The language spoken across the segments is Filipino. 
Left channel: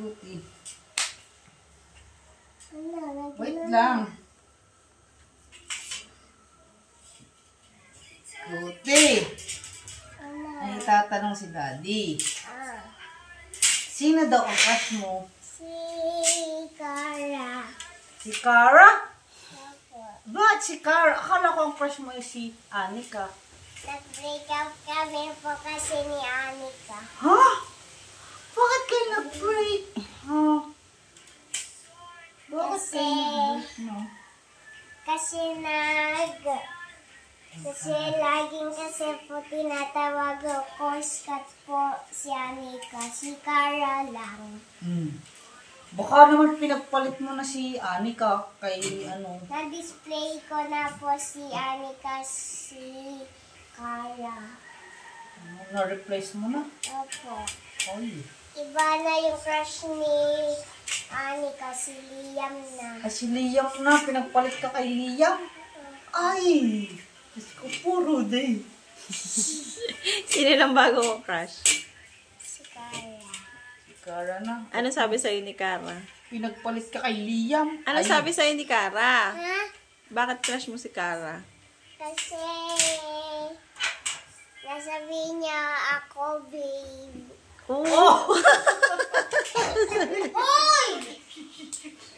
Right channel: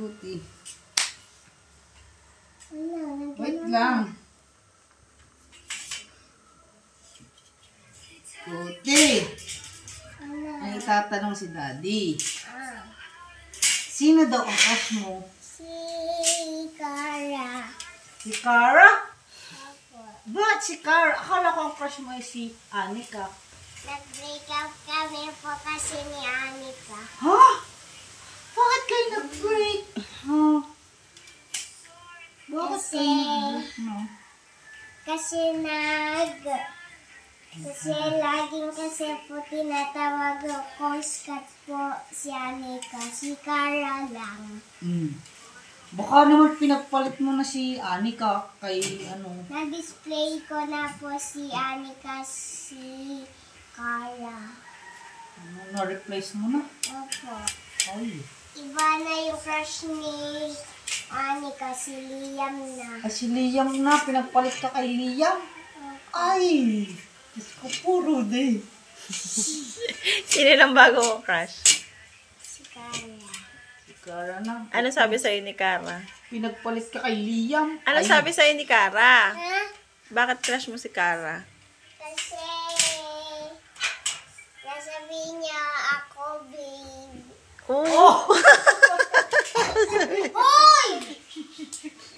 Scooty. Wait lang. Scooty. Ay, tatanong si Daddy. Sino daw ang crush mo? Si Cara. Si Cara? Opo. Ba't si Cara? Akala ko ang crush mo ay si Anika. Nag-break up kami po kasi ni Anika. Ha? Bakit kayo nag-break? Huh? Bakit kayo nag-break, no? Kasi laging kasi po tinatawag ko skat po si Anika. Si Cara lang. Baka naman pinagpalit mo na si Anika kay ano. Na-display ko na po si Anika, si Cara. Na-replace mo na? Opo. Ay. Iba na yung crush ni Anika, si Liam na. Ay, si Liam na. Pinagpalit ka kay Liam? Ay! Diyos ko, puro day. Sino lang bago mo crush? Si Cara. Si Cara na. Ano sabi sa'yo ni Cara? Pinagpalit ka kay Liam. Ano sabi sa'yo ni Cara? Ha? Bakit crush mo si Cara? Kasi nasabihin niya ako, babe. Oh! Hoy!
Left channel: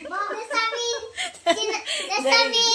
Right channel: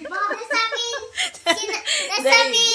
Bakit nasabihin